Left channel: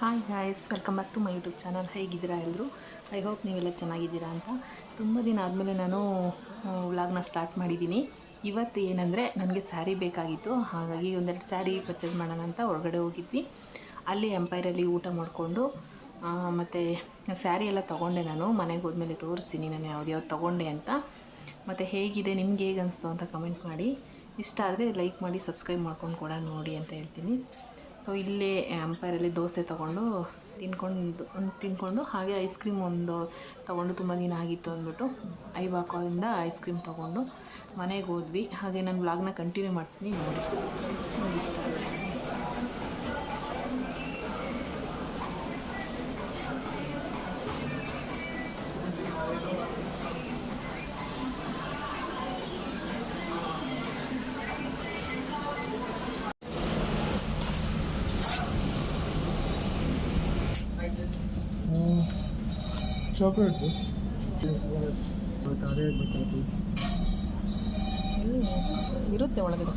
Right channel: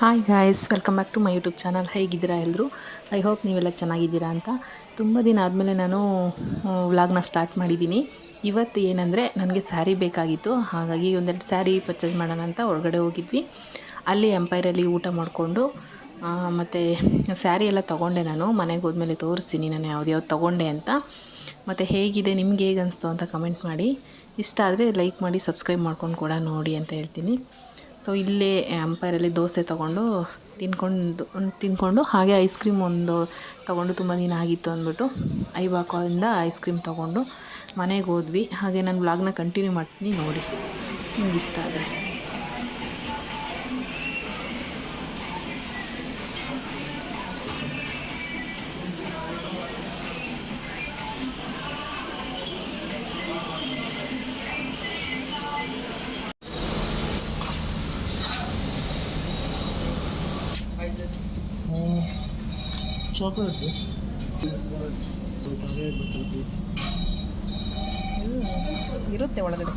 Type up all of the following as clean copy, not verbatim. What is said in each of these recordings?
Hi guys, welcome back to my YouTube channel. ಹೇಗಿದ್ದೀರಾ ಎಲ್ಲರೂ? I hope ನೀವೆಲ್ಲ ಚೆನ್ನಾಗಿದ್ದೀರಾ ಅಂತ. ತುಂಬ ದಿನ ಆದಮೇಲೆ ನಾನು ವ್ಲಾಗ್ನ ಸ್ಟಾರ್ಟ್ ಮಾಡಿದ್ದೀನಿ. ಇವತ್ತು ಏನಂದರೆ ನನಗೆ ಸ್ಯಾರಿ ಬೇಕಾಗಿತ್ತು. ಹಾಗಾಗಿ ಒಂದೆರಡು ಸ್ಯಾರಿ ಪರ್ಚೇಸ್ ಮಾಡೋಣ ಅಂತ ಹೊರಗಡೆ ಹೋಗಿದ್ವಿ. ಅಲ್ಲಿ ಎಂಪೈರಲ್ಲಿ ಊಟ ಮಾಡಿಕೊಂಡು ಮತ್ತು ಸ್ಯಾರಿ ಎಲ್ಲ ತೊಗೊಂಡೆ. ನಾನು ಮನೆಗೆ ಹೋದ್ಮೇಲೆ ತೋರಿಸ್ತೀನಿ ನಾನು ಯಾವ್ದು ತೊಗೊಂಡೆ ಅಂತ. ಮತ್ತು ಹೇಗಿದೆ, ನಿಮ್ಗೆ ಹೇಗೆ ಅನಿಸ್ತು ಅಂತ ಕಮೆಂಟ್ ಮಾಡಿ. ಇಷ್ಟ ಆದರೆ ಲೈಕ್ ಮಾಡಿ, ಸಬ್ಸ್ಕ್ರೈಬ್ ಮಾಡ್ಕೊಂಡು ಕೂಡ ನೋಡಿ ಅಂತ ಹೇಳ್ತೀನಿ. ಸೊ ಇಲ್ಲೇ ಎಂಪೈರಲ್ಲಿ ದೋಸೆ ತೊಗೊಂಡು ತಿಂದ್ಕೊಂಡು ಹಾಗೆ ಐಸ್ ಕ್ರೀಮ್ ಒಂದು ತೊಗೊಂಡು, ತುಂಬ ದಿನ ಆಗಿತ್ತು ಅಂದ್ಬಿಟ್ಟು ಐಬಾಕೋಯಿಂದ ಐಸ್ ಕ್ರೀಮ್ ತೊಗೊಂಡು ಮನೆಗೆ ಹೋದ್ವಿ. ಹಾಗೆ ನಾನು ವ್ಲಾಗ್ನ ಕಂಟಿನ್ಯೂ ಮಾಡ್ತೀನಿ, ನೋಡಿ ನಿಮ್ಗೆ ಇಷ್ಟ ಆದರೆ. ಚಾಕ್ಲೇಟ್ ಇರುತ್ತೆ ಒಳಗಡೆ.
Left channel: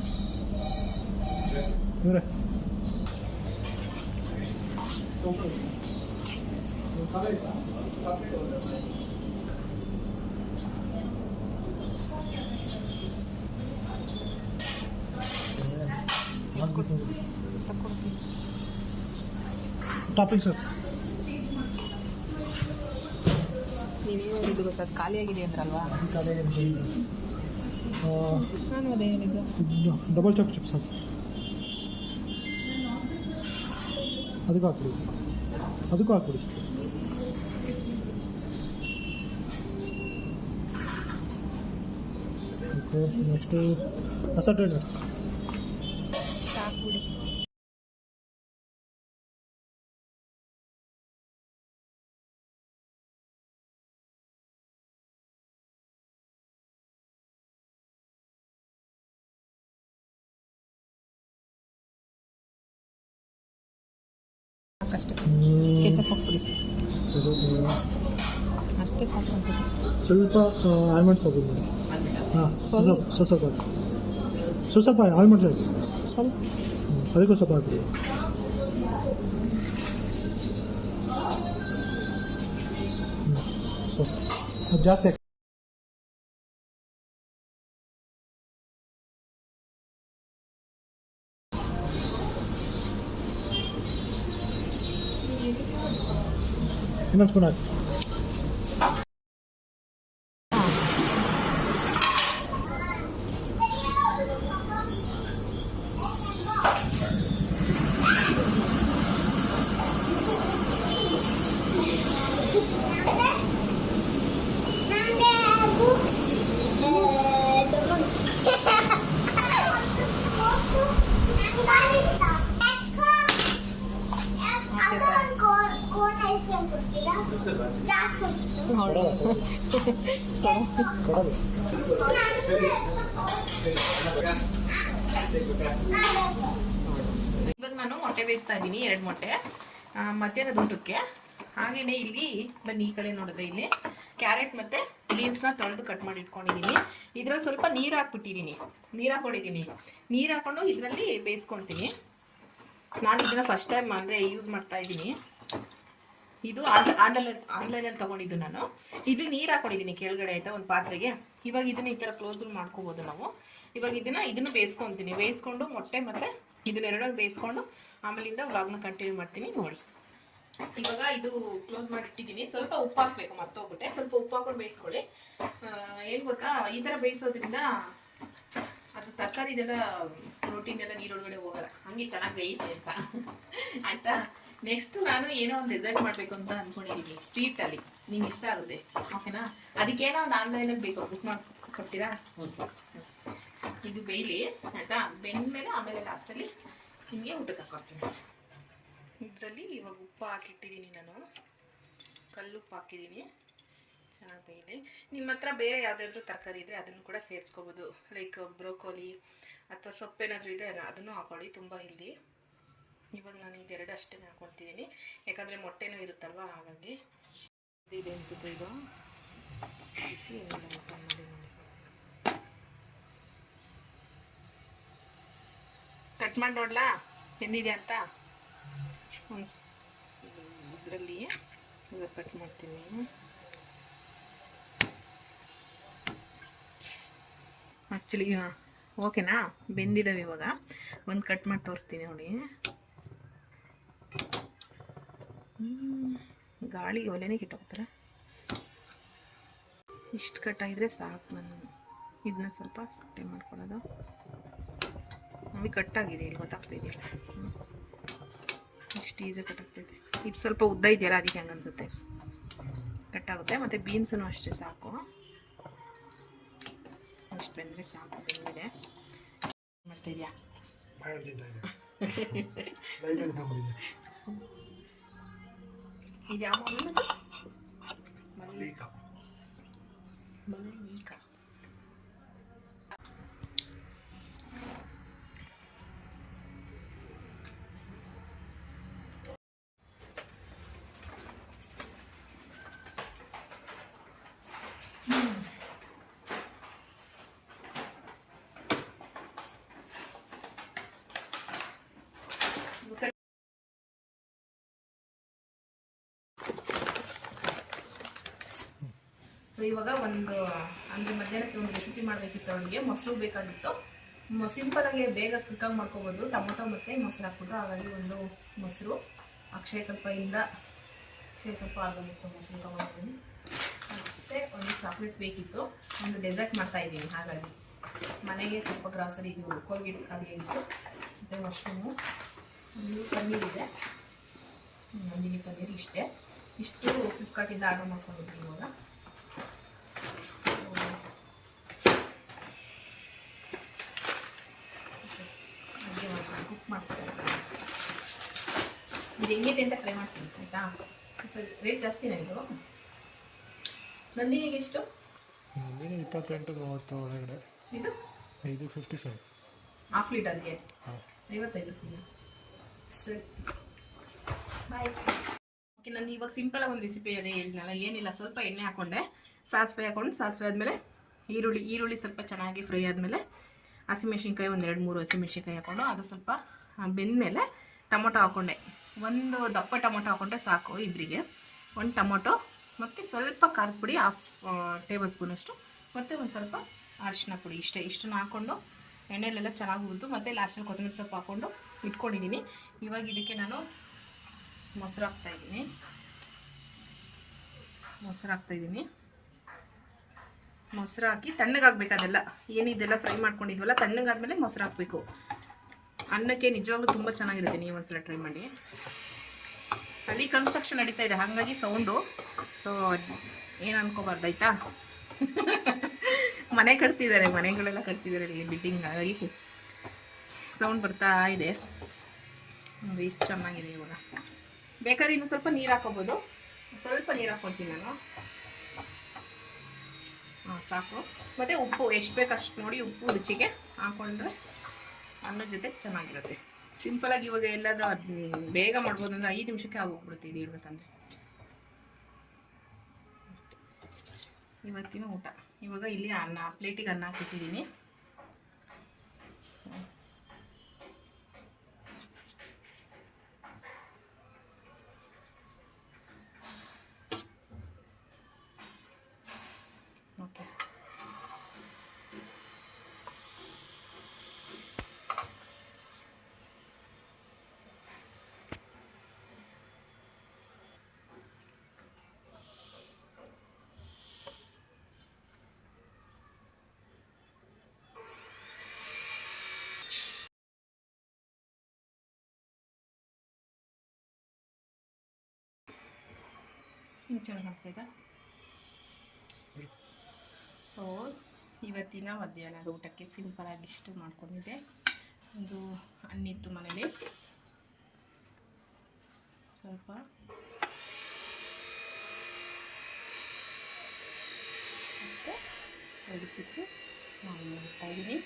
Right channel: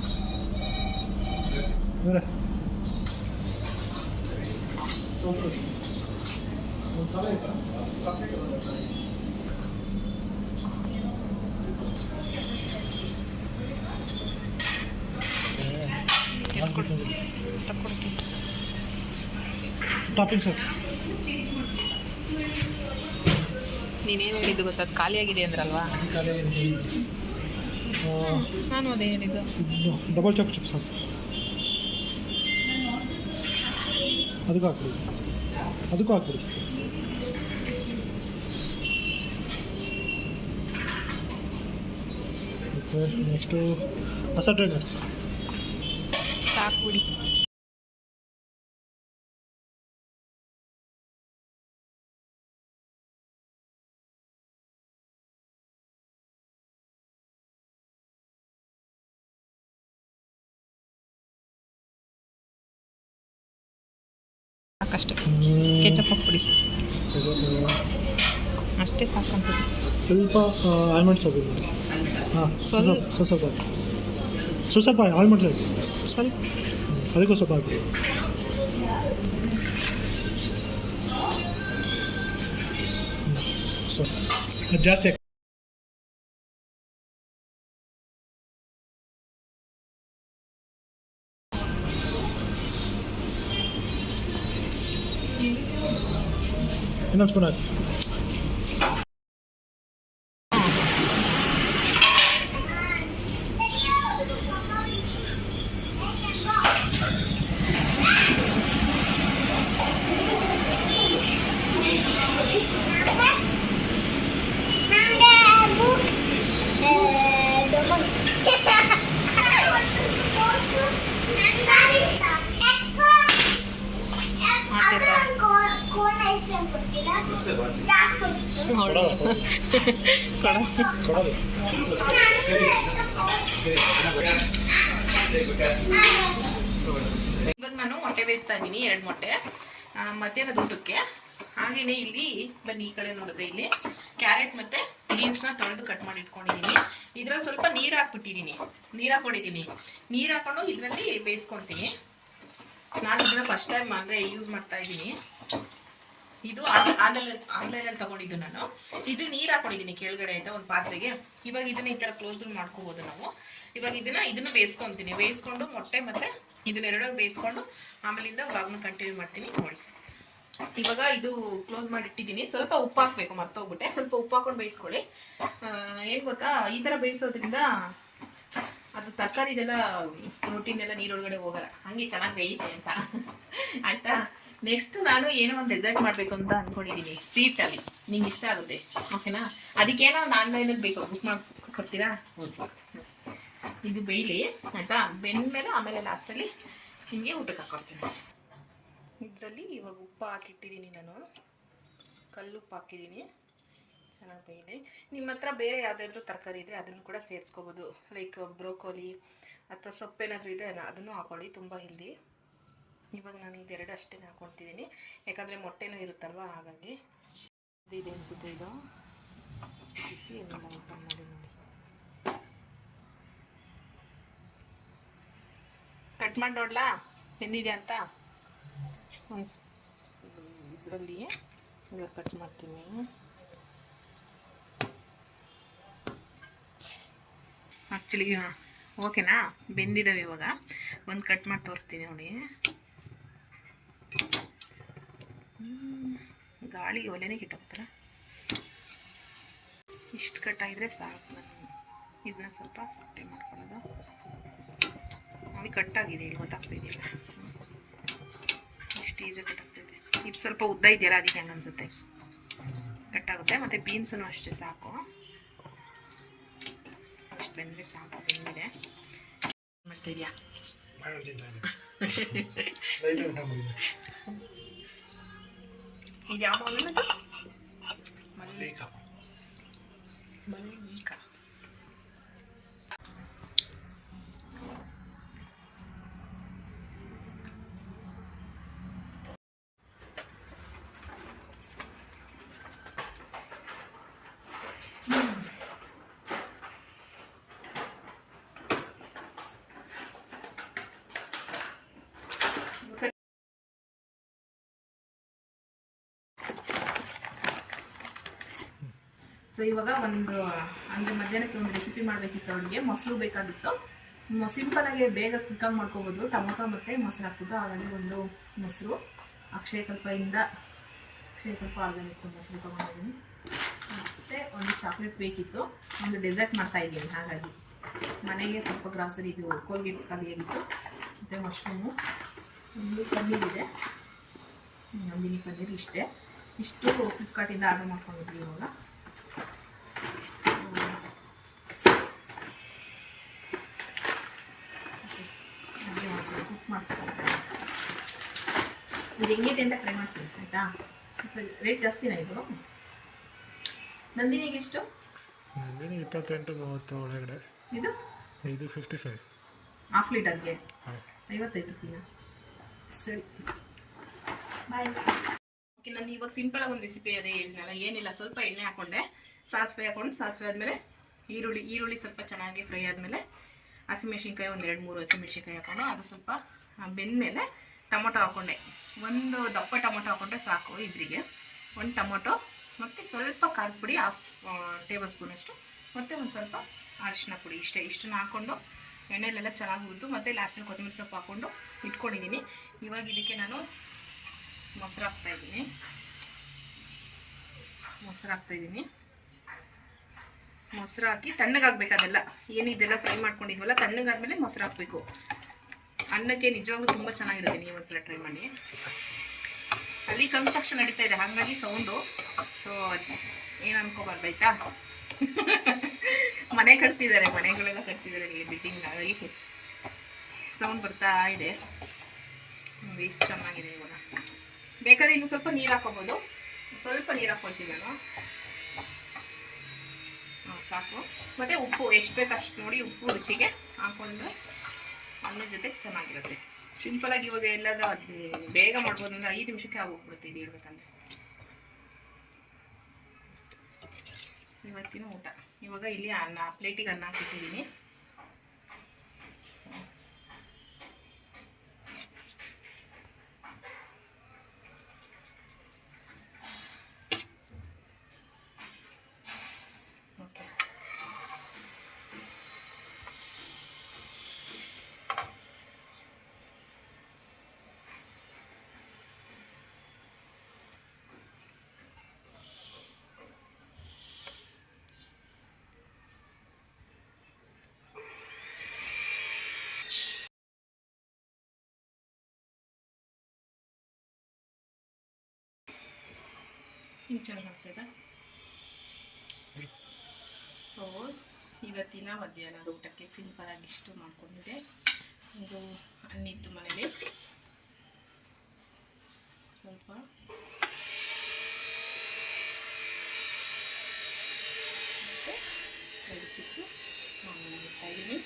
ಟಾಪಿಂಗ್ ಸರ್, ನೀನೇನು ಹೇಳಿದ್ದು ಗೊತ್ತಾ? ಅದು ಖಾಲಿಯಾಗಿದೆ ಅಂದ್ರಲ್ವಾ? ನಾನು ಅದೇ ಹೇಳಿದ್ದು. ಡಬಲ್ ಚಾಪ್ ಚಿಪ್ಸ್ ಅದಕ್ಕೂ ಹಾಕ್ಬಿಡಿ. ಓಕೆ, ನೆಕ್ಸ್ಟು ಅಸಾರ್ಟೆಡ್ ನಟ್ಸ್ ಸಾಕ್ಬಿಡಿ. ಸಾಕಷ್ಟೇ, ಕೆಚಪ್ ಹಾಕ್ಬಿಡಿ, ಅಷ್ಟೇ ಸಾಕಂತ. ಸ್ವಲ್ಪ ಆಲ್ಮಂಡ್ಸ್ ಹಾಕಿ ನೋಡಿ. ಹಾಂ, ಸ್ವಲ್ಪ ಆಲ್ಮಂಡ್ಸ್ ಹಾಕಿ, ಸ್ವಲ್ಪ ಅದಕ್ಕೂ ಸ್ವಲ್ಪ ಹಾಕಿ. ಜಾಸ್ತಿ ಹಾಕಿ. ಇನ್ನೊಂದು ಸ್ಪೂನ್ ಹಾಕಿ. ಇವಾಗ ನಾನು ಮೊಟ್ಟೆ ಬೇಯಿಸ್ತಾ ಇದ್ದೀನಿ, 2 ಮೊಟ್ಟೆ ಮಧ್ಯಾಹ್ನದ ಊಟಕ್ಕೆ. ಹಾಗೆಯೇ ಇಲ್ಲಿ ಬನ್ನಿ, ಈ ಕಡೆ ನೋಡಿದ್ರೆ ಇಲ್ಲಿ ಕ್ಯಾರೆಟ್ ಮತ್ತು ಬೀನ್ಸ್ನ ತೊಳೆದು ಕಟ್ ಮಾಡಿ ಇಟ್ಕೊಂಡಿದ್ದೀನಿ. ಇದರಲ್ಲಿ ಸ್ವಲ್ಪ ನೀರು ಹಾಕ್ಬಿಟ್ಟಿದ್ದೀನಿ, ನೀರು ಹಾಕ್ಕೊಂಡು ಇದರಲ್ಲಿ ಬೇಯಿಸ್ಕೊತೀನಿ. ನಾನು ಇದನ್ನು ಫಸ್ಟ್ ಟೈಮ್ ಅಂದರೆ ಯೂಸ್ ಮಾಡ್ತಾ ಇದ್ದೀನಿ. ಇದು ಆನ್ಲೈನಲ್ಲಿ ತೊಗೊಂಡಿದ್ದು ನಾನು. ಇದು ನೀರು ಹಾಕೊಂಡಿದ್ದೀನಿ ಕೆಳಗಡೆ, ಆಯಿತಾ, ಒಂದು ಪಾತ್ರೆಗೆ. ಇವಾಗ ಇದನ್ನು ಈ ಥರ ಕ್ಲೋಸ್ ಮಾಡ್ಕೋಬೋದು ನಾವು. ಇವಾಗ ಇದನ್ನು ಬೇಯಿಸ್ಕೊಂಡು ಮೊಟ್ಟೆ ಮತ್ತು ಇದನ್ನೆರಡನ್ನು ಬೇಯಿಸ್ಕೊಂಡು ಆಮೇಲಿಂದ ವ್ಲಾಗ್ನ ಕಂಟಿನ್ಯೂ ಮಾಡ್ತೀನಿ, ನೋಡಿ. ಇವಾಗ ಇದು ಕ್ಲೋಸ್ ಮಾಡಿಟ್ಟಿದ್ದೀನಿ. ಸ್ವಲ್ಪ ಉಪ್ಪು ಹಾಕಬೇಕು, ಮರ್ತೋಗ್ಬಿಟ್ಟೆ. ಸ್ವಲ್ಪ ಉಪ್ಪು ಹಾಕೊಂಡು ಬೇಯಿಸ್ಕೊಳ್ಳಿ. ಏನು ಗೊತ್ತಾ, ಈ ಥರ ಬೇಯಿಸೋದ್ರಿಂದ ಅದು ತರಕಾರಿದೆಲ್ಲ ಪ್ರೋಟೀನ್ ಎಲ್ಲ ನೀರೊಳಗಡೆ ಹೋಗಲ್ಲ, ಹಂಗೆ ಚೆನ್ನಾಗಿ ಬೇಯುತ್ತೆ ಅಂತ, ಆಯಿತಾ. ನೆಕ್ಸ್ಟ್ ನಾನು ಏನೋ ಒಂದು ಡೆಸರ್ಟ್ ಮಾಡಬೇಕು ಅಂತ ಅಂದ್ಕೊಂಡಿದ್ದೀನಿ, ಸ್ವೀಟಲ್ಲಿ. ನಿಂಗೆ ಇಷ್ಟ ಆಗುತ್ತೆ, ಓಕೆನಾ? ಅದಕ್ಕೇನೋ ಒಂದು ಆನ್ಲೈನಲ್ಲಿ ಬೇಕು, ಬುಕ್ ಮಾಡ್ಕೊಡ್ತೀರಾ? ಇದು ಬೇಯಲಿ, ಆಯಿತಾ. ಬೆಂದಮೇಲೆ ಆಮೇಲೆ ಲಾಸ್ಟಲ್ಲಿ ನಿಮಗೆ ಊಟಕ್ಕೆ ಹಾಕ್ಕೊಡ್ತೀನಿ. ಇದರಲ್ಲಿ ಇವಾಗ ಉಪ್ಪು ಹಾಕಿಟ್ಟಿದ್ದೀನಿ ನಾನು, ಕಲ್ಲುಪ್ಪು ಹಾಕಿದ್ದೀನಿ. ಚೆನ್ನಾಗಿ ಬೇಯಲಿ. ನಿಮ್ಮ ಹತ್ರ ಬೇರೆ ಯಾವುದಾದ್ರೂ ತರಕಾರಿ ಇದ್ದರೆ ಅದನ್ನು ಕೂಡ ಸೇರಿಸ್ಕೋಬೋದು. ಲೈಕ್ ಬ್ರೋಕೋಲಿ ಅಥವಾ ಸೊಪ್ಪೇನಾದರೂ ಇದ್ದರೆ ಅದನ್ನು ಹಾಕೊಳ್ಳಿ, ತುಂಬ ಹೆಲ್ದಿ. ಇವಾಗ ನಾನು ಇದೆರಡು ಅಷ್ಟೇ ಹಾಕ್ಕೊಳ್ತಿದ್ದೀನಿ, ಯಾಕಂದರೆ ಮೊಟ್ಟೆನೂ ಇರುತ್ತಲ್ವ, ಹಾಗಾಗಿ. ಇದೆ ಅನಿಸುತ್ತೆ ಇದು. ಬಿಸಿ ಏನಿಲ್ಲ, ಓಪನ್ ಮಾಡಿ ನೋಡಿ. ಕಟ್ ಮಾಡಿ ನೋಡ್ಲಾ ಎಂದಿದೆ ಅಂತ. ಒಂದು ಇದರಲ್ಲಿ ಇವಾಗ ಕಟ್ ಮಾಡ್ತೀನಿ. ಆ್ಯಕ್ಚುಲಿ ಓಕೆನಾ, ಬೆಂದಿದ್ದಾವೆ. ಇವಾಗ ಒಂದು ಕಟ್ ಮಾಡಿ ತೋರಿಸ್ತೀನಿ ನೋಡಿ. ಗಾಳಿಗೆ ಒಲೆನೇ ಕೆಟ್ಟೋಗ್ತಾರೆ. ಇಷ್ಟು ಕಟ್ಟಾಗಿದ್ರೆ ಸಾಕು. ನಾನು ಇದನ್ನ ಸ್ವಲ್ಪ ಸಟ್ಟೆ ಮಾಡ್ಕೊಳ್ಳೋದು. ನೋಡಿ ಕಟ್ಟಾಗಿದೆ, ಇಲ್ಲಿ ಗೊತ್ತಾಗ್ತಿದೆಯಲ್ಲ, ಇಷ್ಟು ಈಸಿ ಕಟ್ಟಾಗ್ತೈತೆ. ಇದು ಸ್ವಲ್ಪ ಉದ್ದ ಇದೆಯಲ್ಲ, ಅದಕ್ಕೆ ಹಂಗೆ ಅನ್ಸುತ್ತೆ. ಕಟ್ಟಾಗುತ್ತೆ. ಮತ್ತು ಬೀನ್ಸೂ ಅಷ್ಟೇ ಸಾಕು, ಅಷ್ಟು ಬೆಂದರೆ ಸಾಕು. ಬೆಂದಿದೆ. ಮಾಡ್ತಾಯಿದ್ಯಾ? ಇದು ಯಾವ ಮಲ್ಲಿಕ? ಮಲ್ಲಿಕ. ಸೊ ಇವಾಗ ಒಂದು ಹಂಗೆ ಮಧ್ಯಾಹ್ನಕ್ಕೆ ಒಂದು ರೆಸಿಪಿ ಮಾಡಬೇಕಿತ್ತು. ಅವಳಿಗೆ ಮೊಸರು ಬೇಕಾಗಿತ್ತು. ಸಿಂಪಲಾಗಿ ಬೇಗ ಕ್ವಿಕ್ಕಾಗಿ ಮಾಡ್ಕೋಬೋದು, ಟೊಮೊಟೊ ಮತ್ತು ಮೊಸರು ಹಾಕ್ಬಿಟ್ಟು. ಹಾಗಾಗಿ ಒಂದು ಮೊಸರು ಅಕ್ಷಯಕಲ್ಪದಿಂದ, ಅಕ್ಷಯಕಲ್ಪ ಆರ್ಗಾನಿಕ್ ಮೊಸರು ತೊಗೊಂಡಿದ್ದೀನಿ. ಮತ್ತು ಒಂದು ಚಾಕ್ಲೇಟ್ ಬೇಕಿತ್ತು. ಒಂದು ಡೆಸರ್ಟ್ ಮಾಡ್ತಾಯಿದ್ದೀನಿ. ಹಾಗಾಗಿ ಮನೆಗೆ ಸ್ವಲ್ಪ ಗ್ರಾಸರಿ, ಇದು ಕೋಲ್ಗೇಟ್ ಖಾಲಿಯಾಗಿತ್ತು. ಮತ್ತು ಮಶ್ರೂಮು, ಒಂದು ಪನ್ನೀರ್ ಇದೆ, ನಂದಿನಿ ಪನ್ನೀರ್. ಇಷ್ಟು ಫ್ಲಿಪ್ಕಾರ್ಟಿಂದ ಆರ್ಡರ್ ಮಾಡ್ಕೊಂಡಿದ್ವಿ. ಇವಾಗ ಕುಕ್ ಮಾಡ್ತಾರೆ. ಇದು ಹೆಂಗಿದೆ ಅಂತ ಟ್ರೈ ಮಾಡ್ತೀನಿ, ಆಯಿತಾ? ರೇಟ್ ಜಾಸ್ತಿನಾ ಇದು? ನಂದಿನಿಗೆ ಎಷ್ಟು? ನಂದಿನಿ 28-30 ಒಳಗಡೆ. ಇದು 55. ಹಾಫ್ ಲೀಟರ್ಗೆ 55 ರೂಪಾಯಿ. ಸರಿ, ಬಾಯ್. ಓಕೆ, ನಾನು ಇವಾಗ ಸಿಂಪಲಾಗಿ ಒಂದು ರೆಸಿಪಿ ಅದೇ ಹೇಳಿದ್ನಲ್ಲ, ಏನಿಲ್ಲ, ಸ್ವಲ್ಪ ಎಣ್ಣೆ ಹಾಕ್ಕೊಂಡೆ, ಸಾಸಿವೆ ಹಾಕ್ಕೊಂಡು, ಸಾಸಿವೆ ಆದಮೇಲೆ ಈರುಳ್ಳಿ ಸ್ವಲ್ಪ ಚೆನ್ನಾಗಿ ಫ್ರೈ ಆದಮೇಲೆ ಹಸಿಮೆಣ್ಸಿನ್ಕಾಯಿ ಒಂದು 2-3 ಹಸಿಮೆಣ್ಸಿನ್ಕಾಯಿ ಹಾಕ್ಕೊಂಡೆ. ಅದು ಸ್ವಲ್ಪ ಬೆಂದಮೇಲೆ ಟೊಮೊಟೊ ಹಾಕ್ಕೊಂಡೆ. ಒಂದು ದಪ್ಪ ಟೊಮೊಟೊ ಹಾಕ್ಕೊಂಡ್ರೆ ಸಾಕು ಇಬ್ಬರಿಗೆ. ಒಂದು ಟೊಮೊಟೊ ಮತ್ತು ಸ್ವಲ್ಪ ಖಾರದ ಪುಡಿ 1/2 ಟೇಬಲ್ ಸ್ಪೂನಷ್ಟು, ಮತ್ತು ಒಂದು ಸ್ವಲ್ಪ ಅರಿಶಿನ ಪುಡಿ. ಇಷ್ಟನ್ನು ಹಾಕ್ಕೊಂಡು ಎಣ್ಣೆಲೆಲ್ಲ ಚೆನ್ನಾಗಿ ಹುರಿದು, ಮತ್ತು ಲಾಸ್ಟಲ್ಲಿ ಕೊತ್ತಂಬರಿ ಸೊಪ್ಪು ಹಾಕ್ಕೊಂಡು ಇಟ್ಕೊಂಡಿದ್ದೀನಿ. ಇವಾಗ ಇದಕ್ಕೆ ನಾನು ಮೊಸರು ಹಾಕ್ತಾಯಿದ್ದೀನಿ. ಮೊಸರು ಹಾಕಿ ತಣ್ಣಗಾಗಬೇಕು. ಅದೆಲ್ಲ ಏನಿದೆಲ್ಲ ಫ್ರೈ ಮಾಡ್ಕೊಂಡಿದ್ವಲ್ಲ, ತಣ್ಣಗಾದ್ಮೇಲೆ ಮೊಸರು ಹಾಕಬೇಕು. ಅನ್ನಕ್ಕೆ ನಿಜವಾಗ್ಲೂ ತುಂಬ ಚೆನ್ನಾಗಿರುತ್ತೆ. ನೀವು ಒಂದ್ಸಲ ಟ್ರೈ ಮಾಡಿ. ಅಲ್ಲಿ ಕನ್ಸ್ಟ್ರಕ್ಷನ್ ನಡೀತಾ ಇದೆ, ಹಾಗಾಗಿ ಸೌಂಡು. ಸೊ ಏನು ಅನ್ಕೋಬಾರ್ದು, ಆಯಿತಾ? ಮನೆಗಳೆಲ್ಲ ಕಟ್ತಿದ್ದಾರೆ ಬಿಲ್ಡಿಂಗ್, ಹಾಗಾಗಿ ಸೌಂಡ್ ಬರ್ತಾ ಇದೆ. ನೋಡಿ ಎಷ್ಟು ಚೆನ್ನಾಗಿದೆ. ಇವಾಗ ಬೇಕಾದ್ರೆ ಇನ್ನು ಸ್ವಲ್ಪ ನೀರು ಹಾಕೋಬೋದು. ಸ್ವಲ್ಪ ನೀರು ಹಾಕ್ಕೊಳ್ತೀನಿ ನಾನು. ಸಾಕು. ಮತ್ತು ಉಪ್ಪು ಎಷ್ಟು ಬೇಕು ಅಷ್ಟು ನೋಡಿ, ಉಪ್ಪು ರುಚಿಗೆ ಹಾಕ್ಕೊಂಡ್ರೆ ಅನ್ನದ ಜೊತೆ ಚೆನ್ನಾಗಿರುತ್ತೆ. ಸಿಂಪಲಾಗಿ ಇವಾಗ ಎಲ್ಲಾದರೂ ಬೇಗ ಮಾಡ್ಬೋದು ಅಂದರೆ 5 ನಿಮಿಷಕ್ಕೆ ಆಗೋಗ್ಬಿಡುತ್ತೆ ಇದು ಇಡಬೇಕಂದ್ರೆ. ಇವತ್ತಿನ ಊಟ. ಇವಾಗ ಇಲ್ಲಿ ಪ್ಲೇಟಿಗೆ ಅನ್ನ ಹಾಕಿಟ್ಟಿದ್ದೀನಿ. ಓಕೆ, ಹಿಂಗೆ ಚೆನ್ನಾಗಿ ಕಾಣಿಸ್ತಾಯಿತಾ? ಸೊ ಇವತ್ತಿನ ಮಧ್ಯಾಹ್ನದ ಊಟಕ್ಕೆ ಸಿಂಪಲಾಗಿ ಇಷ್ಟು ಮಾಡ್ಕೊಂಡಿದ್ದೆ. ಒಂದು ಅನ್ನಿತ್ತು ಮನೇಲಿ, ಸ್ವಲ್ಪ ಮತ್ತು 2 ಪೀಸು ನಾನು ಮಾಡ್ತಾಯಿದ್ದೀನಿ.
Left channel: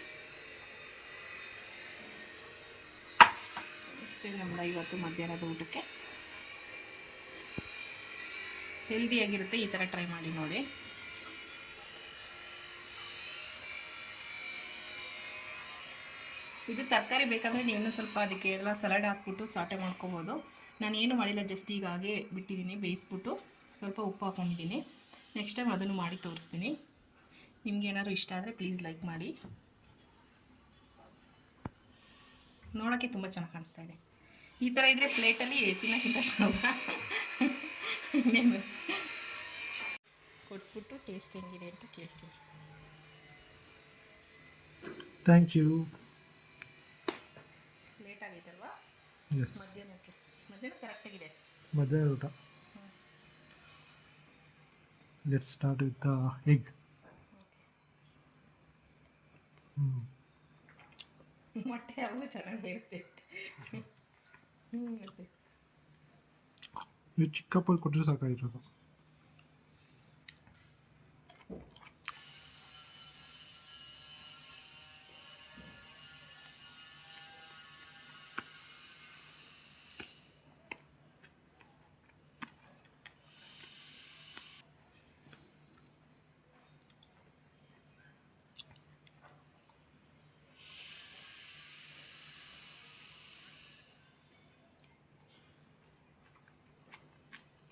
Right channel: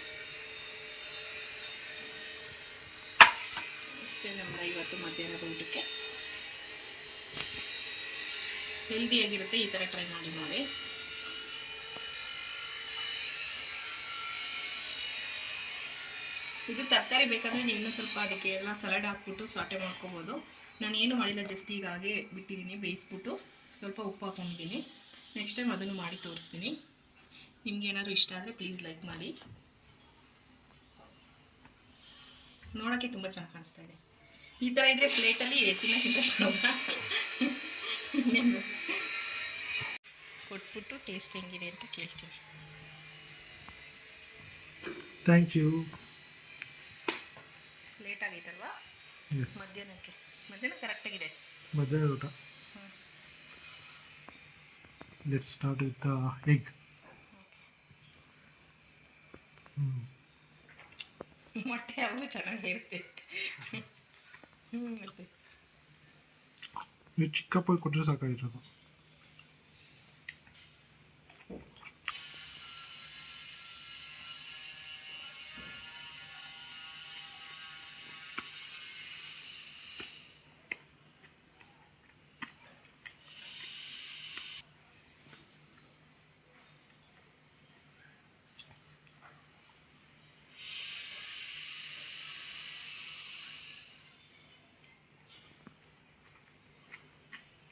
ಇಷ್ಟೇ ನಮ್ಮದು ಇವತ್ತು ಮಧ್ಯಾಹ್ನದ ಊಟಕ್ಕೆ. ಹೆಲ್ದಿಯಾಗಿರುತ್ತೆ, ಈ ಥರ ಟ್ರೈ ಮಾಡಿ ನೋಡಿ. ಇದು ತರಕಾರಿ ಬೇಕಾದರೆ ನೀವು ಇನ್ನೂ ಸ್ವಲ್ಪ ಅದಕ್ಕೆ ಎಲ್ಲ ಸಲಾಡ್ ಹಾಕ್ಬಿಟ್ಟು ಸಾಟೆ ಮಾಡ್ಕೊಬೋದು. ನಾನು ಏನು ಮಾಡಿಲ್ಲ, ಜಸ್ಟ್ ಈಗ ಹಾಗೆ ಬಿಟ್ಟಿದ್ದೀನಿ, ಬೇಯಿಸ್ಬಿಟ್ಟು ಸ್ವಲ್ಪ ಉಪ್ಪು ಹಾಕ್ಕೊಂಡಿದ್ದೀನಿ. ನೆಕ್ಸ್ಟ್ ಟೈಮ್ ಅದನ್ನು ಮಾಡಿ ತೋರಿಸ್ತೀನಿ. ನಿಮ್ಗೆ ಏನಾದ್ರು ಇಷ್ಟ ಆದರೆ ಪ್ಲೀಸ್ ಲೈಕ್ ಮಾಡಿ. ನೋಡೋಕ್ಕೆ ತುಂಬ ಚೆನ್ನಾಗಿ ಕಾಣಿಸ್ತಾ ಇದೆ. ಈ ಥರ ಇದ್ದರೆ ಪ್ಲೇಟಲ್ಲಿ ತಿನ್ನೋಕ್ಕಿಂತ ಕೊಟ್ಬಿಟ್ಟು ಟೇಸ್ಟ್ ಹೆಂಗಿದೆ ಅಂತ ಕೇಳ್ತೀನಿ. Thank you. ಲೇಟ್ ಆಗೈತಲ್ವಾ? ಮಧ್ಯಾಹ್ನ ಕರೆಕ್ಟಾಗಿದೆ. ಮಧ್ಯಾಹ್ನ ಊಟ. Let's start with the egg. ಮೊಟ್ಟೆ ಯಾವಾಗಲೂ ಚೆನ್ನಾಗಿರುತ್ತೆ. ಮತ್ತೆ ನೀವು ಚಿಕ್ಕ ಕಪ್ಪಲ್ಲಿ ಕೊಟ್ಟರೆ ಸಾಕಾಗಿರೋದು.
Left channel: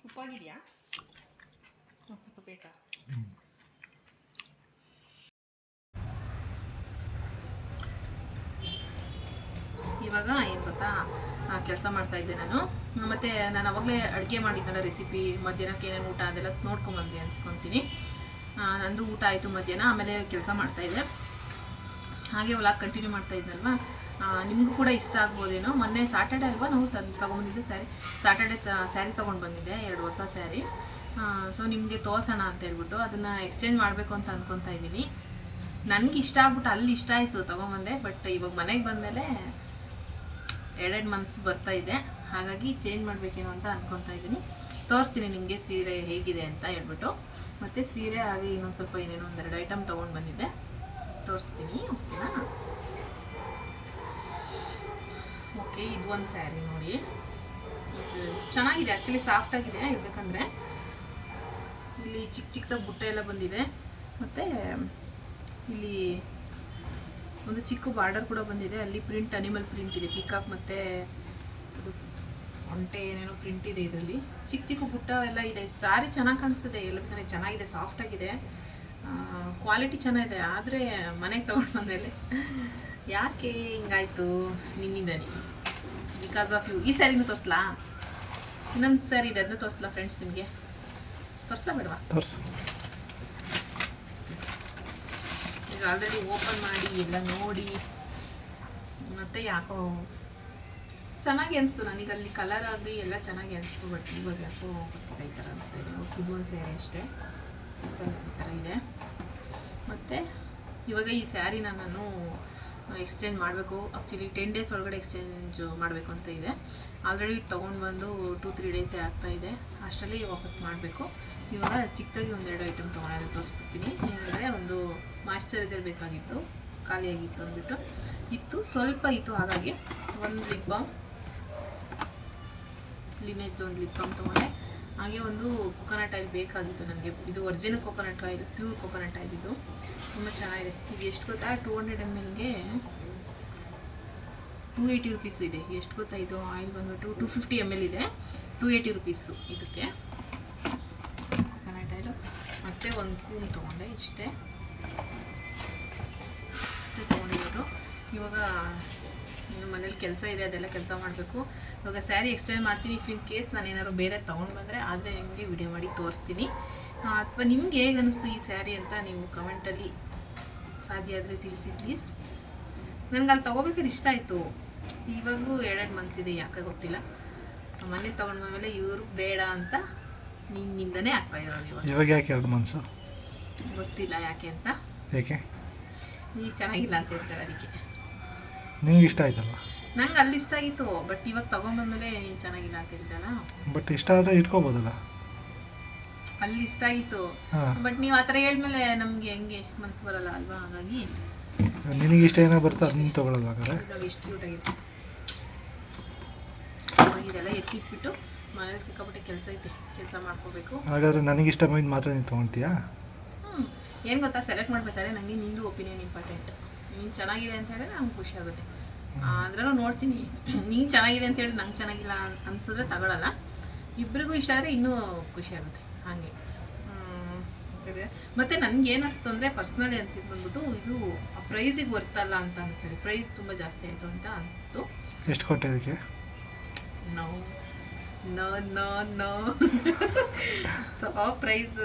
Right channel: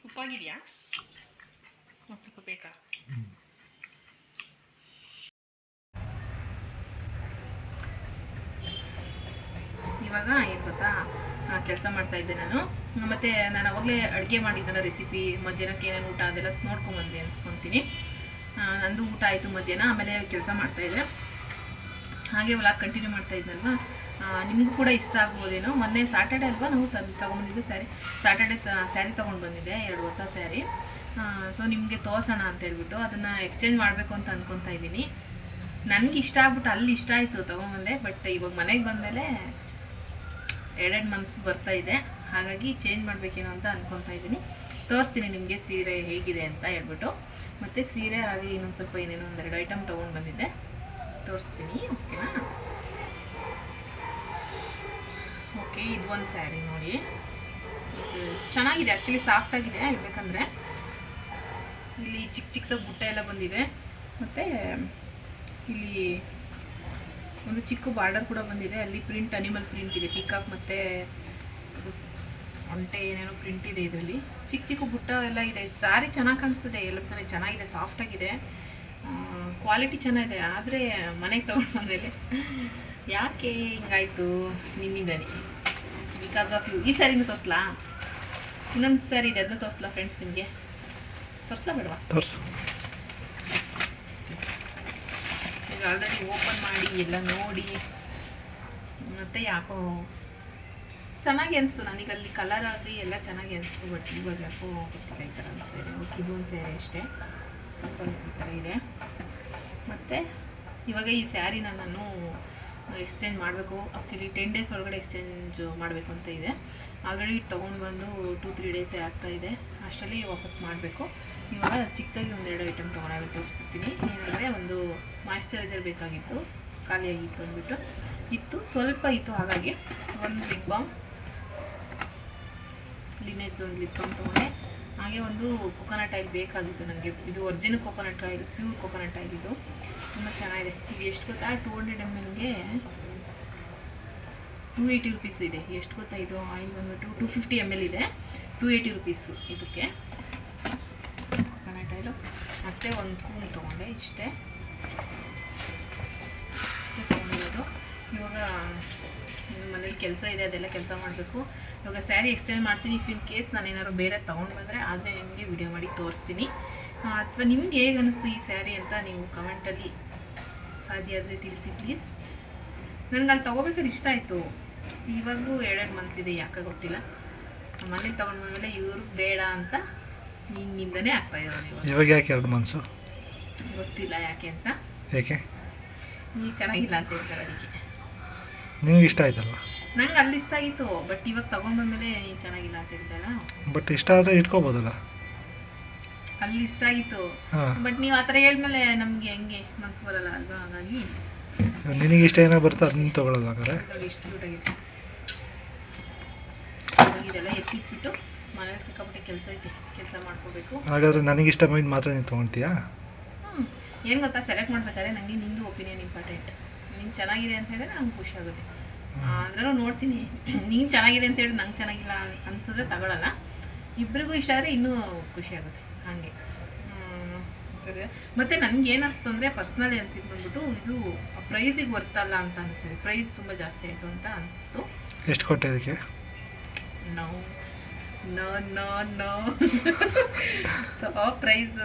ಉಪ್ಪಾಗಿದೆಯಾ? ಸ್ವಲ್ಪ ಬೇಕಾ? ಇವಾಗ ಏನು ಗೊತ್ತಾ, ಕೆಲಸ ಮಾಡ್ತಾ ಇದ್ದೆ ನಾನು. ಮತ್ತು ನಾನು ಅವಾಗಲೇ ಅಡುಗೆ ಮಾಡಿದ್ದಲ್ಲ ರೆಸಿಪಿ, ಮಧ್ಯಾಹ್ನಕ್ಕೆ ಏನೇನು ಊಟ ಅದೆಲ್ಲ ನೋಡ್ಕೊಂಬಂದ್ವಿ ಅನ್ಸ್ಕೊತೀನಿ. ನಂದು ಊಟ ಆಯಿತು ಮಧ್ಯಾಹ್ನ. ಆಮೇಲೆ ಕೆಲಸ ಮಾಡ್ತಾಯಿದ್ದೆ, ಹಾಗೆ ವ್ಲಾಗ್ ಕಂಟಿನ್ಯೂ ಮಾಡ್ತಾ ಇದ್ದಲ್ವ. ನಿಮಗೂ ಕೂಡ ಇಷ್ಟ ಆಗ್ಬೋದೇನೋ. ಮೊನ್ನೆ ಸಾಟರ್ಡೆ ಅಲ್ವಾ ನಾವು ತೊಗೊಂಬಂದಿದ್ದು ಸ್ಯಾರಿ. ಸಾಟರ್ಡೆ ಸ್ಯಾರಿ ತೊಗೊಂಡು ಬಂದಿದ್ದೆ, 2 ಹೊಸ ಸ್ಯಾರಿ. ಸೊ ನಿಮಗೆ ತೋರ್ಸೋಣ ಅಂತ ಹೇಳ್ಬಿಟ್ಟು ಅದನ್ನು ಎಕ್ಸ್ಚೇಂಜ್ ಮಾಡಬೇಕು ಅಂತ ಅಂದ್ಕೊತಾ ಇದ್ದೀನಿ. ನನಗೆ ಇಷ್ಟ ಆಗ್ಬಿಟ್ಟು ಅಲ್ಲಿ ಇಷ್ಟ ಆಯಿತು ತೊಗೊಂಬಂದೆ. ಬಟ್ ಇವಾಗ ಮನೆಗೆ ಬಂದಮೇಲೆ 2 ಮಂತ್ಸ್ ಬರ್ತಾಯಿದೆ, ಹಾಗಾಗಿ ಚೇಂಜ್ ಮಾಡಬೇಕೇನೋ ಅಂತ ಅಂದ್ಕೊತಾ ಇದ್ದೀನಿ. ತೋರಿಸ್ತೀನಿ ನಿಮಗೆ ಸೀರೆ ಹೇಗಿದೆ ಅಂತ ಹೇಳ್ಬಿಟ್ಟು. ಮತ್ತು ಸೀರೆ ಹಾಗೆ ಇನ್ನೊಂದು ಸ್ವಲ್ಪ ಏನೇನೋ 1-2 ಐಟಮ್ ತೊಗೊಂಡು ಬಂದಿದ್ದೆ, ತೋರಿಸ್ತೀನಿ. ಓಕೆನಾ? ಓಕೆ, ಇದು ಒಂದು ಸ್ಯಾರಿ ನೋಡಿ, ಇದು ಚೆನ್ನಾಗಿದೆ. ಆ್ಯಕ್ಚುಲಿ ಸಾಫ್ಟಾಗಿದೆ ಹೇಳ್ಬೇಕಂದ್ರೆ. ಇಲ್ಲಿ ಚಿಕ್ಕ ಚಿಕ್ಕದಾಗಿ ಬುಟ್ಟ ಎಲ್ಲ ಬಂದಿದೆ. ಮತ್ತು ಇಲ್ಲಿ ಒಂದು ಚಿಕ್ಕ ಬಾರ್ಡರ್ ಕೂಡ ಬಂದಿದೆ. ಅಲ್ಲಿ ಪ್ರಿಂಟ್, ಅನಿಮಲ್ ಪ್ರಿಂಟ್ ಇದೆ, ಪಿಕಾಕ್ ಮತ್ತು ಒಂಟೆ ಏನೇನೋ ಪ್ರಿಂಟ್ ಇದೆ ಇದರಲ್ಲಿ. ಚಿಕ್ಕ ಚಿಕ್ಕ ಬುಟ್ಟ ಎಲ್ಲ ಇದೆ. ಸ್ಯಾರಿ ಚೆನ್ನಾಗಿ ಕಾಣಿಸ್ತಿದೆ, ಎಲ್ಲ ಚೆನ್ನಾಗಿದೆ, ಸಾಫ್ಟಾಗಿದೆ, ಕ್ವಾಲಿಟಿ ಚೆನ್ನಾಗಿದೆ. ಆದರೆ ಮನೆಗೆ ತೊಗೊಂಡು ಬಂದಮೇಲೆ ಯಾಕೆ ಹಿಂಗಾಯಿತು ನಿನ್ನಿಂದನೇ, ಬಿಕಾಸ್ ಆಫ್ ಯು. ಈ ಸ್ಯಾರಿನೂ ತೋರಿಸ್ಲಾ? ಇನ್ನೊಂದು ಸ್ಯಾರಿ ಇದೆ, ಅದನ್ನ ತೋರಿಸ್ಲಾ ಫ್ರೆಂಡ್ಸ್? ನಿಮಗೆ ತೋರಿಸ್ಲಾ ಬೇಡವಾ? ತೋರಿಸು. ಈಗ ಆಲ್ರೆಡಿ ಓಪನ್ ಮಾಡಿ ಎಲ್ಲ ನೋಡಿ, ಮತ್ತು ಯಾಕೋ ಚೆನ್ನಾಗಿ ಅನಿಸ್ತು ನನಗೆ. ಅಲ್ಲಿ ಕಲರ್ ಆಗಲಿ ಎಲ್ಲ ಚೆನ್ನಾಗಿ ಅನಿಸ್ತು. ಬಟ್ ಇವಾಗ ಯಾಕೋ ಗೊತ್ತಿಲ್ಲ, ಈ ಥರ ಅನಿಸ್ತಾ ಇದೆ. ಓಕೆ, ಇದು ಒಂದು ಸ್ಯಾರಿ ಅಷ್ಟೇ, ಸಿಂಪಲ್ ಈ ಥರ ಇದೆ. ಮತ್ತು ಇವಾಗ ಈ ಸ್ಯಾರಿನ ನಾನು ಎಕ್ಸ್ಚೇಂಜ್ ಮಾಡಬೇಕು. ಆ್ಯಕ್ಚುಲಿ 10 ಡೇಸ್ ಒಳಗಡೆ ಎಕ್ಸ್ಚೇಂಜ್ ಮಾಡಬೇಕು ಅಂತ ಇದೆ. ಆಲ್ರೆಡಿ ತೊಗೊಂಡು ಬಂದು 2-3 ಡೇಸೇ ಆಗ್ತಾಯಿದೆ. ಅಷ್ಟರಲ್ಲಿ ವಾಪಸ್ ಮಾಡಬೇಕು. ಇವಾಗ ಚಿಕ್ಕದಾಗಿ 1-2 ಐಟಮ್ ತೊಗೊಳೋದು ತೋರಿಸ್ಬಿಡ್ತೀನಿ. ಏನಂದರೆ, ಒಂದು ಮಾಯ್ಶ್ಚರೈಸರ್ ಬೇಕಾಗಿತ್ತು, ಖಾಲಿಯಾಗಿತ್ತು ಅಂದ್ಬಿಟ್ಟು ಇತ್ತು, ಸ್ವಲ್ಪ ಇತ್ತು. ಹಾಗಾಗಿ ಒಂದು ಲಿಪ್ ಬಾಮ್, ಲಿನೇಜ್ ಒಂದು ಲಿಪ್ ಬಾಮ್ ತೊಗೊಂಡೆ. ಹಾಗೆ ಒಂದು ಕೊಕೊನಟ್ ಆಯಿಲ್ ಬೇಕಾಗಿತ್ತು ನನಗೆ. ಇದು original coconut oil, pure coconut oil. ಇದು ತುಂಬ ಚೆನ್ನಾಗಿದೆ. ಇದು ಎಷ್ಟು ಗೊತ್ತಾ, 200 mlಗೆ 280 rupees ಇದೆ. ಎಷ್ಟು ಗೊತ್ತಾ, ಇದು ಆಯಿಲ್ ಬಂದ್ಬಿಟ್ಟು 250 ml ಇದೆ, 280 rupees ಇದಕ್ಕೆ ಕೊಕೊನಟ್ ಆಯಿಲು. ಮತ್ತು ಒಂದು ಕೂಮ್ ತೊಗೊಂಡೆ, ಇಷ್ಟೇ ತೊಗೊಂಡಿರೋದು. ಇವಾಗ ಮನೇಲಿ ಕೆಲಸ ಇದೆ, ಅದೆಲ್ಲ ಕೆಲಸ ಮಾಡಬೇಕು. ಇವಾಗ ಸ್ಯಾರಿ ಎಕ್ಸ್ಚೇಂಜ್ ಮಾಡ್ತೀನಿ. ಇಫ್ ಇನ್ ಕೇಸ್ ನಾನು ಏನಾದ್ರು ಬೇರೆ ತೊಗೊಂಡು ಬಂದರೆ ಆದರೆ ನಿಮಗೆ ವಿಡಿಯೋ ಮಾಡಿ ತೋರಿಸ್ತೀನಿ. ಅಥವಾ ನಿಮ್ಗೆ ಹೇಗೆ ಅನ್ನಿಸ್ತು ಈ ಸ್ಯಾರಿ ಅಂತ ನೀವು ಕಮೆಂಟಲ್ಲಿ ಸಾಧ್ಯ ಆದರೆ ತಿಳಿಸಿ ಪ್ಲೀಸ್. ನನಗೆ ಅಲ್ಲಿ ತೊಗೋಬೇಕಾದ್ರೆ ಇಷ್ಟ ಆಯಿತು. ಇವಾಗಲೂ 2 ಮಂತ್ಸ್ ಇದೆ, ಯಾಕೆ ಗೊತ್ತಿಲ್ಲ. ಮನೇಲಿ ತೊಗೊಂಡು ಬಂದಮೇಲೆ ಇವರು ಬೇಡ ಅಂತ ನಿಮ್ಮಿಂದನೇ ಆಗ್ತಾ ಇರೋದು. ಇವಾಗ ಯಾಕೆ 2 ಮಂತ್ಸು ಗೊತ್ತಿಲ್ಲ ಯಾಕೆ ಅಂತ. ಯಾಕೆ? ನೀವು ಚೆನ್ನಾಗಿಲ್ಲ ಅಂತ ಹೇಳ್ತಾರೆ, ಅದಕ್ಕೆ. ನಿಮ್ಗೆ ಇಷ್ಟ ಆಯ್ತಲ್ವ? ನಂಗೆ ಅಲ್ಲಿ ಇಷ್ಟ ಆಗಿತ್ತು, ಬಟ್ ಇವಾಗ ತೊಗೊಂಡ್ಬಂದ್ಮೇಲೆ ನೀನು ಚೆನ್ನಾಗಿಲ್ಲ ಅಂತ ಹೇಳ್ತಾರ. ಬಟ್ ಇಷ್ಟ ಆದರೆ ಇಟ್ಕೋಬೋದಲ್ಲ. ಅಲ್ಲಿ ಇಷ್ಟ ಆಗಿತ್ತು, ಬಟ್ ನೀವು ಆ ಥರ ಹೇಳಿದ್ಮೇಲೆ ನಮಗೆ ಹೆಂಗೆ ಮನಸ್ಸು ಬರಲ್ಲ ಅಲ್ವಾ? ಹಾಗಾಗಿ ನಿನಗೆ ಇಷ್ಟ ಏನೋ ಬರುತ್ತೆ ಅದನ್ನ ತೊಗೊಳ್ಳೋದು. ಹಾಗಾದ್ರೆ ಎಷ್ಟು ಕ್ಯೂಟ್ ಆಗಿದೆ. ಇದೆಲ್ಲ ಎತ್ತಿಟ್ಬಿಟ್ಟು ಮನೇಲಿ ಸಿಕ್ಕಾಪಟ್ಟೆ ಕೆಲಸ ಐತೆ, ಕೆಲಸ ಮಾಡ್ಕೋಬೇಕು. ಹಾಗಾದ್ರೆ ನನಗೆ ಇಷ್ಟ ಬಂದಿದ್ದು ಮಾತ್ರ ನೀನು ತೊಗೊಳ್ತೀಯಾ? ಏನು ಗೊತ್ತಾ, ಸೆಲೆಕ್ಟ್ ಮಾಡ್ಬೇಕಾದ್ರೆ ನನಗೆ ನಿಂದು ಒಪಿನಿಯನ್ ಇಂಪಾರ್ಟೆಂಟ್. ನೀನು ಚೆನ್ನಾಗಿದೆ ಅಂತ ಹೇಳಿದ್ರೆ ನಂಗೆ ಖುಷಿ ಆಗುತ್ತೆ. ಅಂದ್ರೆ ನೋಡ್ತೀನಿ. ನೀನು ಚೆನ್ನಾಗಿದೆ ಅಂತ ಹೇಳಿ ನಂಗೆ ಚೆನ್ನಾಗಿಲ್ಲ ಅನ್ಸಿದ್ರೆ ತಗೊಳ್ಳಲ್ಲ. ಇಬ್ಬರಿಗೂ ಇಷ್ಟ ಆದರೆ ಇನ್ನೂ ಖುಷಿ ಆಗುತ್ತೆ ಹಾಗೆ. ಮತ್ತು ನನಗೆ ಏನು ಅನಿಸ್ತು ಅಂದರೆ ಪರ್ಸ್ನಲಿ ಅನಿಸಿದ್ದು ಬಂದ್ಬಿಟ್ಟು ಇದು ಪ್ರೈಸಿಗೆ ವರ್ತಲ್ಲ ಅಂತ ಅನಿಸ್ತದೆ. ಪ್ರೈಸ್ ತುಂಬ ಜಾಸ್ತಿ ಆಯಿತು ಅಂತ ಅನಿಸ್ತು. ಎಷ್ಟು ಕೊಟ್ಟೆ ಅದಕ್ಕೆ? No no no no so price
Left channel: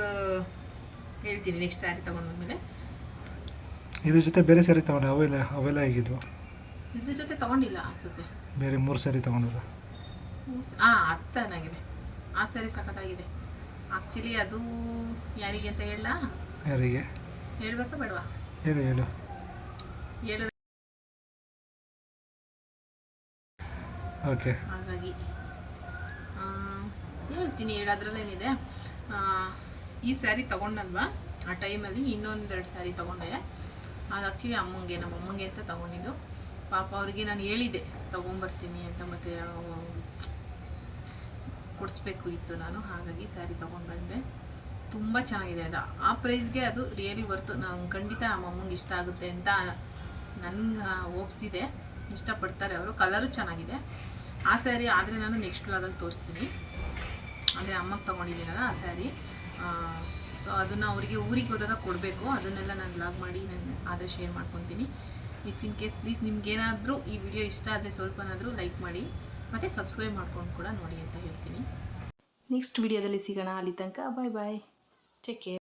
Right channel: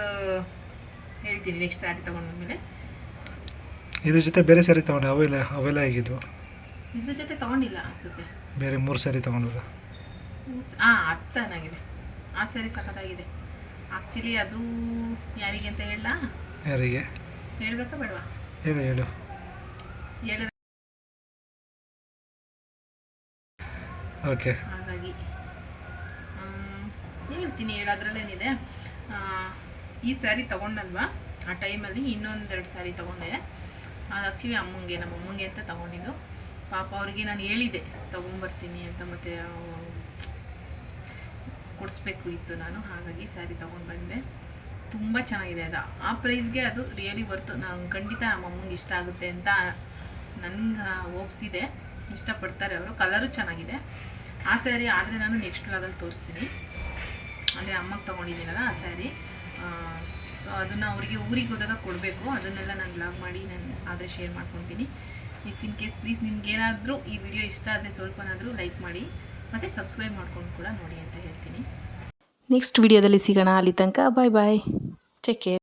ಹೇಳ್ತೀನಿ ನೆಕ್ಸ್ಟ್ ಸ್ಯಾರಿ ತೊಗೊಂಡ್ಮೇಲೆ. ಇದ್ರ ಜೊತೆ ಬೇರೆ ಸ್ಯಾರಿ ತೊಗೊಂಡೆ, ಅವೆಲ್ಲ ಹೇಗಿದ್ದು? ಇದ್ರ ಜೊತೆ ತೊಗೊಂಡಿಲ್ಲ ಅನಿಸುತ್ತೆ. ಬೇರೆ 3 ಸ್ಯಾರಿ ತೊಗೊಂಡ್ರ? ಅದು ಚೆನ್ನಾಗಿದೆ. ಆ ಸ್ಯಾರಿ ಸಖತ್ತಾಗಿದೆ ಆ್ಯಕ್ಚುಲಿ. ಅದು ಯಾರಿಗೆ ಅಂತ ಹೇಳಲ್ಲ? ಯಾರಿಗೆ ಹೇಳ್ಬೇಕಾ ಬೇಡವಾ? ಹೇಳು ಹೇಳು. ಓಕೆ. ಹಾಗಾಗಿ ಹೇಳ್ತೀನಿ, ಹೇಳೋದ್ರಲ್ಲೇನಿದೆ. ಈ ಸ್ಯಾರಿ ತೊಗೊಂಡಲ್ವಾ ಆ ಟೈಮಲ್ಲಿ ಇನ್ನೊಂದೆರಡು ಸ್ಯಾರಿ ತೊಗೊಂಡೆ. ಅದು ಆ್ಯಕ್ಚುಲಿ ನಮ್ಮ ಅಮ್ಮಂಗೆ ಅಂತ ತೊಗೊಂಡಿದ್ದು. ಪಾಪ ಅವ್ರಿಗೆ ನಾನು ಹೇಳಿದ್ದೆ ತೊಗೊಂಬರ್ತೀನಿ ಅಂತ, ಮತ್ತು ಕೊಡಿಸ್ಬೇಕು ಇತ್ತು ನಾನು. ಹಾಗಾಗಿ ಸ್ಯಾರಿ ತೊಗೊಂಡು ಬಂದೆ. ತುಂಬ ಚೆನ್ನಾಗಿದೆ. ಅದು ಆ ಪ್ರೈಸ್ಗೆ ಅದು ರಿಯಲಿ ವರ್ತು. ನಂಗೆ ಖಂಡಿತ ನಮ್ಮ ಅಮ್ಮಂಗೆ ಇಷ್ಟ ಆಗುತ್ತೆ ಅಂತ ನನಗೆ ಒಪ್ಸಿದೆ. ಇಷ್ಟಪಡ್ತಾರೆ ಅವರು. ಕಲರು ಚೆನ್ನಾಗಿದೆ. ಆ ಸ್ಯಾರಿ ಆದರೆ ನಾನು ನೆಕ್ಸ್ಟ್ ವ್ಲಾಗಲ್ಲಿ ತೋರಿಸ್ತೀನಿ. ಅಂದರೆ ಅಮ್ಮಗೆ ತೊಗೊಂಡಿದ್ದೀನಲ್ಲ ಆ ಸ್ಯಾರಿ. ಸೊ ಅದನ್ನು ಅವರಿಗೆ ಊರಿಗೆ ಹೋದಾಗ ಕೊಡಬೇಕು. ಅದನ್ನೆಲ್ಲ ನಾನು ವ್ಲಾಗ್ ಮಾಡಿ ನಾನು ಆದರೆ ಶೇರ್ ಮಾಡ್ಕೊತೀನಿ. ಇಫ್ ಇನ್ ಕೇಸ್ ಪ್ಲೀಸ್ ನಿಮ್ಗೇನಾದರೂ ಈ ವಿಡಿಯೋ ಇಷ್ಟ ಆದರೆ ಸ್ವಲ್ಪನಾದರೂ ಲೈಕ್ ಮಾಡಿ ಮತ್ತು ಸಬ್ಸ್ಕ್ರೈಬ್ ಮಾಡ್ಕೊಂಡು ಕೂಡ ನೋಡಿ ಅಂತ ಹೇಳ್ತೀನಿ. ನೆಕ್ಸ್ಟ್ ವಿಡಿಯೋದಲ್ಲಿ ಸಿಗೋಣ. ಅಲ್ಲಿ ತನಕ ಬಾಯ್ ಬಾಯ್, ಟೇಕ್ ಕೇರ್.